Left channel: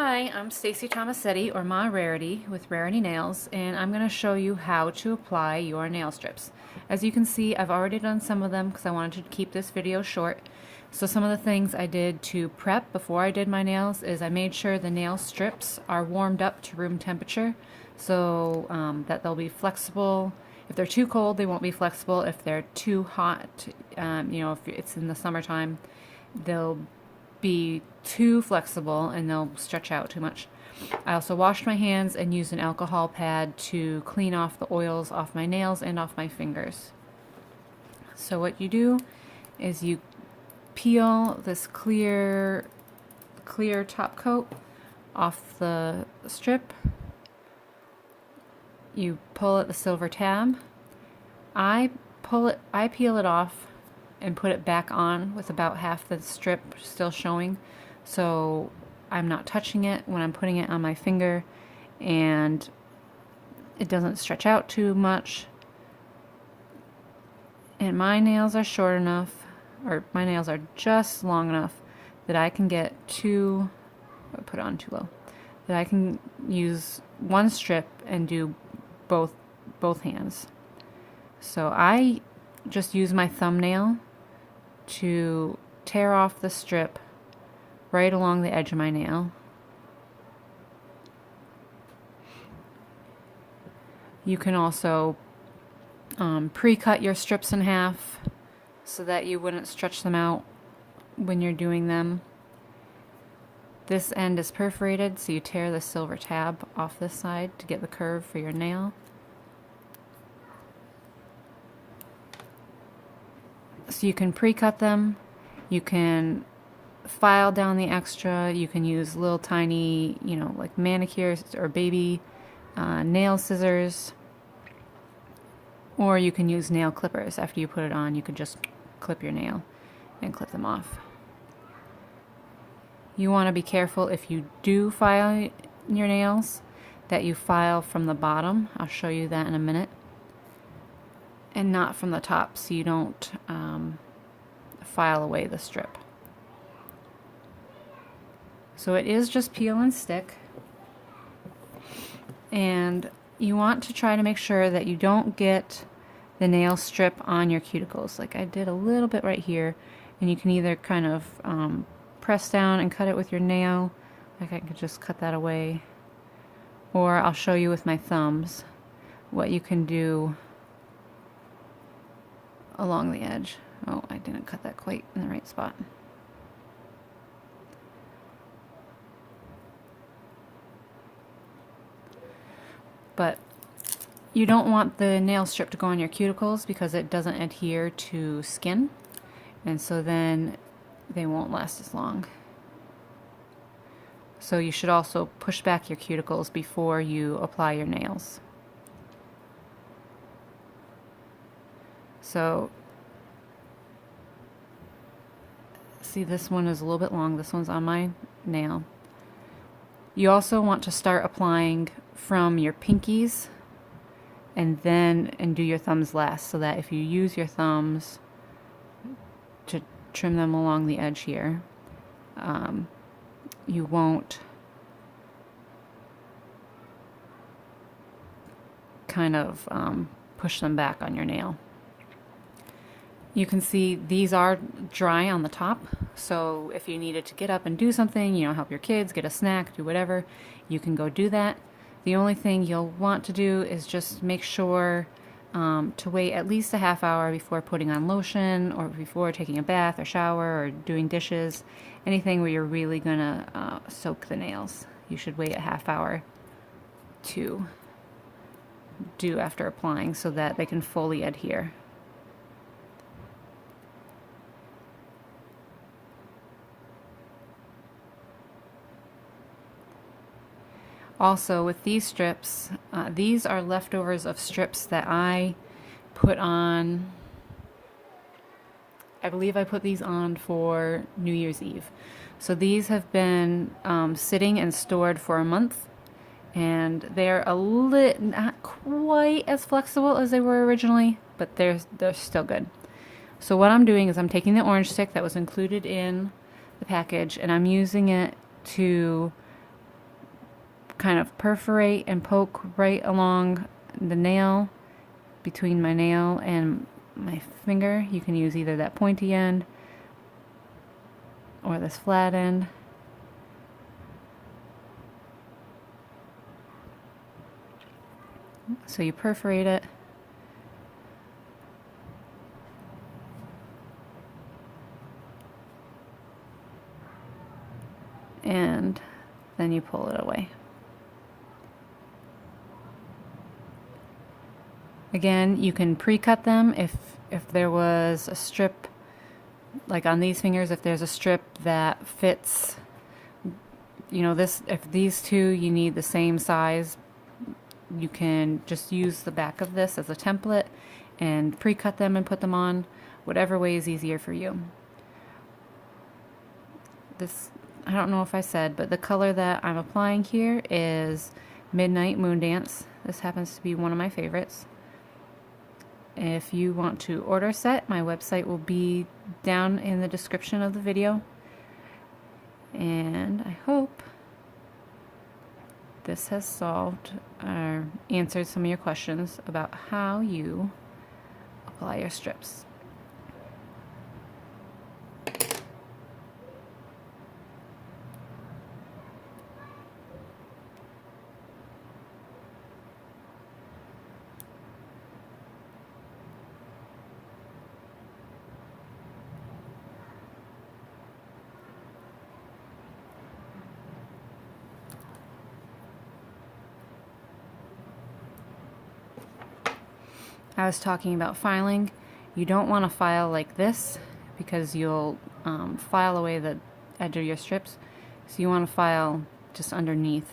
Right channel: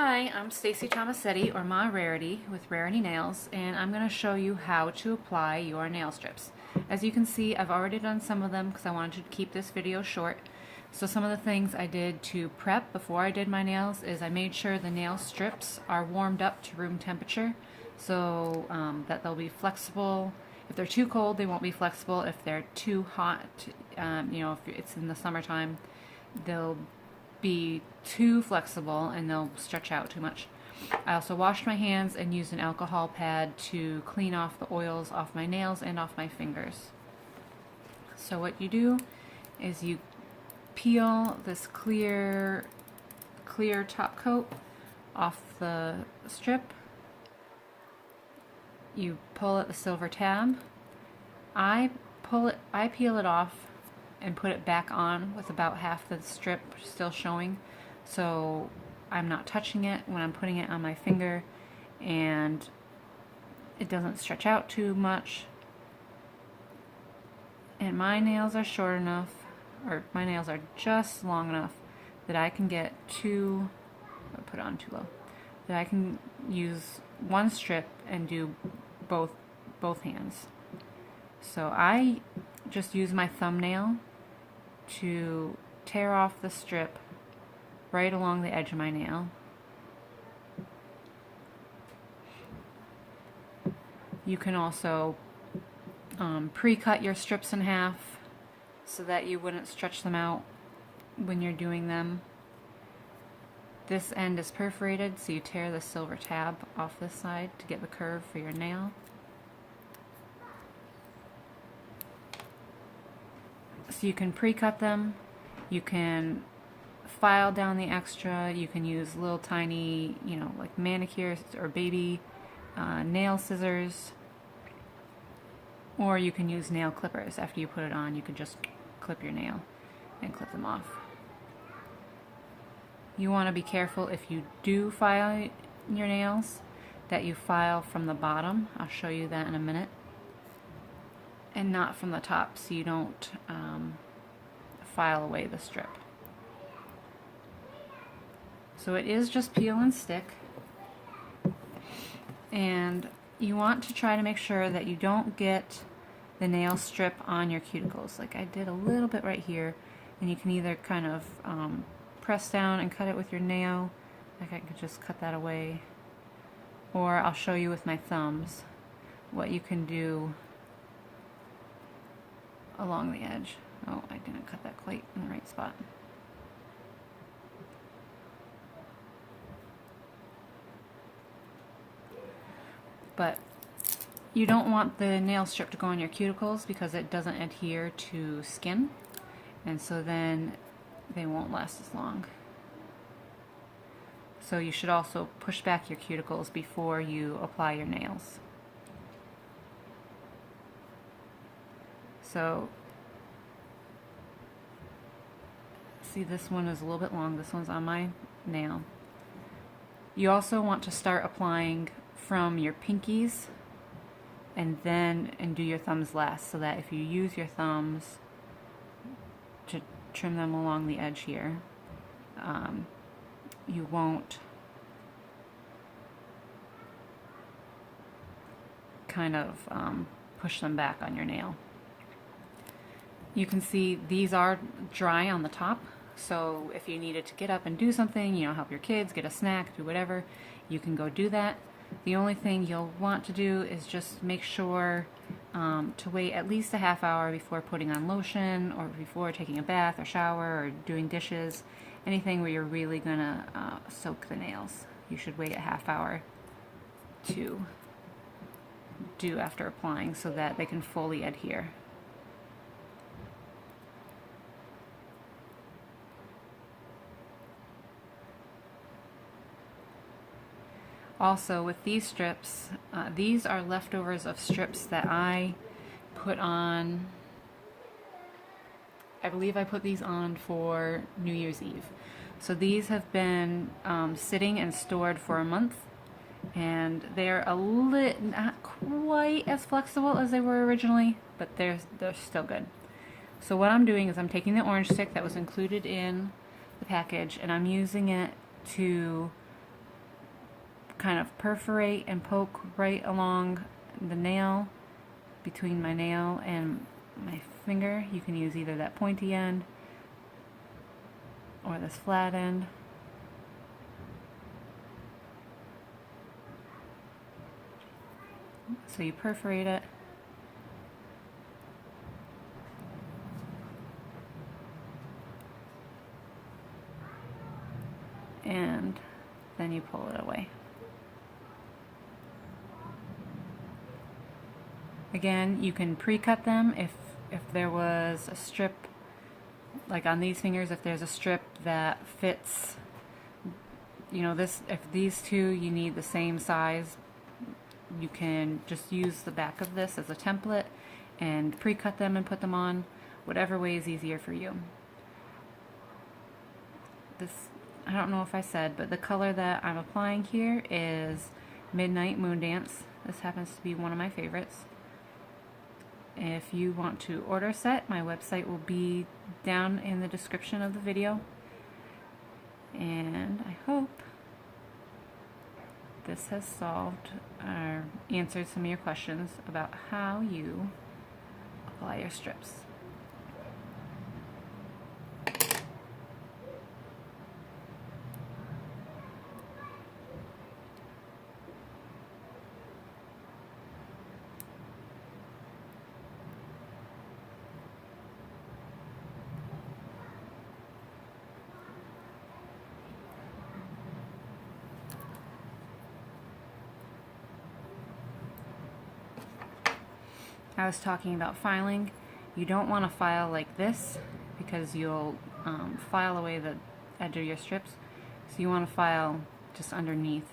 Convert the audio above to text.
Hi, I'm Stacy Tomasetti, or Ma Rarity, with Rarity Nails, and I'm going to show you how to apply your nail strips. As you can see, I've already done some of them because I wanted to keep this video short. So some of the things I did to prep before I did my nails is I made sure the nail strips are warmed up to room temperature so that they'll be flexible. If they're too cold, they won't be flexible. If they're too hot, if it's in the summertime, they'll be too flexible and they'll stretch out too much. I also washed my hands and used an alcohol pad to clean off the oils off my nails and off my fingers. So what you do is you peel this clear top coat off the strip. You pull at the silver tab. I peel it off and put it back on with about half the strip still showing, so I'm not touching it when I'm putting it on my finger and it doesn't stretch out too much. And my nails are short enough, or my nails are just long enough that I can get two, I put it on too low, that I can use one strip and do both hands. So I just use my thumbnail to tear off the strip right along the edge of my nail. You can also pre-cut your strips in half so that you wouldn't stretch them out when you're doing them. This end is perforated, so you tear the silver tab off this side to get the curve for your nail. So you can pre-cut them, you can file down the extra, you can use little tiny, like manicures or baby nail scissors, or you can use nail clippers. After you put it on, you could just clip your nail and clip them off. You want to be careful if you do file your nails that you file from the bottom. I'll show you that in a minute. And not from the top, so you don't file away the strip. So it is just peel and stick, and you want to try to make sure that you don't get the nail strip on your cuticles. Like I did a little bit right here, and you can either kind of press down and cut it with your nail, like I could just cut that away, or I'll show you with my thumbs what you can do along the edge. Oh, I didn't cut that quite in the right spot. But you don't want the nail strip to go on your cuticles because it doesn't adhere to skin, and so then they won't last as long. So you should also push back your cuticles before you apply your nails. So, see, this one is a little bit long. This one's on my nail. You also want to start applying from your pinkies and do your thumbs last, so that if you use your thumbs to trim them along the edge here, you won't kind of push them back on your nail. You can see these are dry on the top, so if you needed to get up and do something, help your kids, get a snack, do whatever, you can go do that. The only thing you'll want to do is just make sure to wait at least a half hour before putting on lotion, or before taking a bath or shower or doing dishes, anything where you're really gonna soak the nails. You should wait a half hour to do after applying so that they can fully adhere. Also, with these strips, these are leftovers of strips that I put on. I believe I put these on for New Year's Eve. So these have been sitting and stored for a month, and they're not quite as flexible as they were originally, but they're still good. So what I'm doing is I'm taking the orange stick that was included in the package, and I'm using it to kind of perforate and poke right along the nail, between my nail and my finger. You can use either that pointy end or this flat end. So you perforate it. And then you pull it away. Again, you can pre-cut them if there was a strip, like on these fingers, if there's a strip that fits, you know, this, if these two you need the same size, you can just use the back of this as a template and pre-cut them and put them on, whatever way is easier for you. This, I don't know if I said, but the color that I'm applying here is Midnight Moon Dance. This happens to be one of my favorites. If you want to order a set, my website will be down in the description of the video. And I hope this has solved or answered some of your questions about how you apply your strips. I was talking about filing. You don't want to file like this because you'll file away the edge of your strips. So you want to file just underneath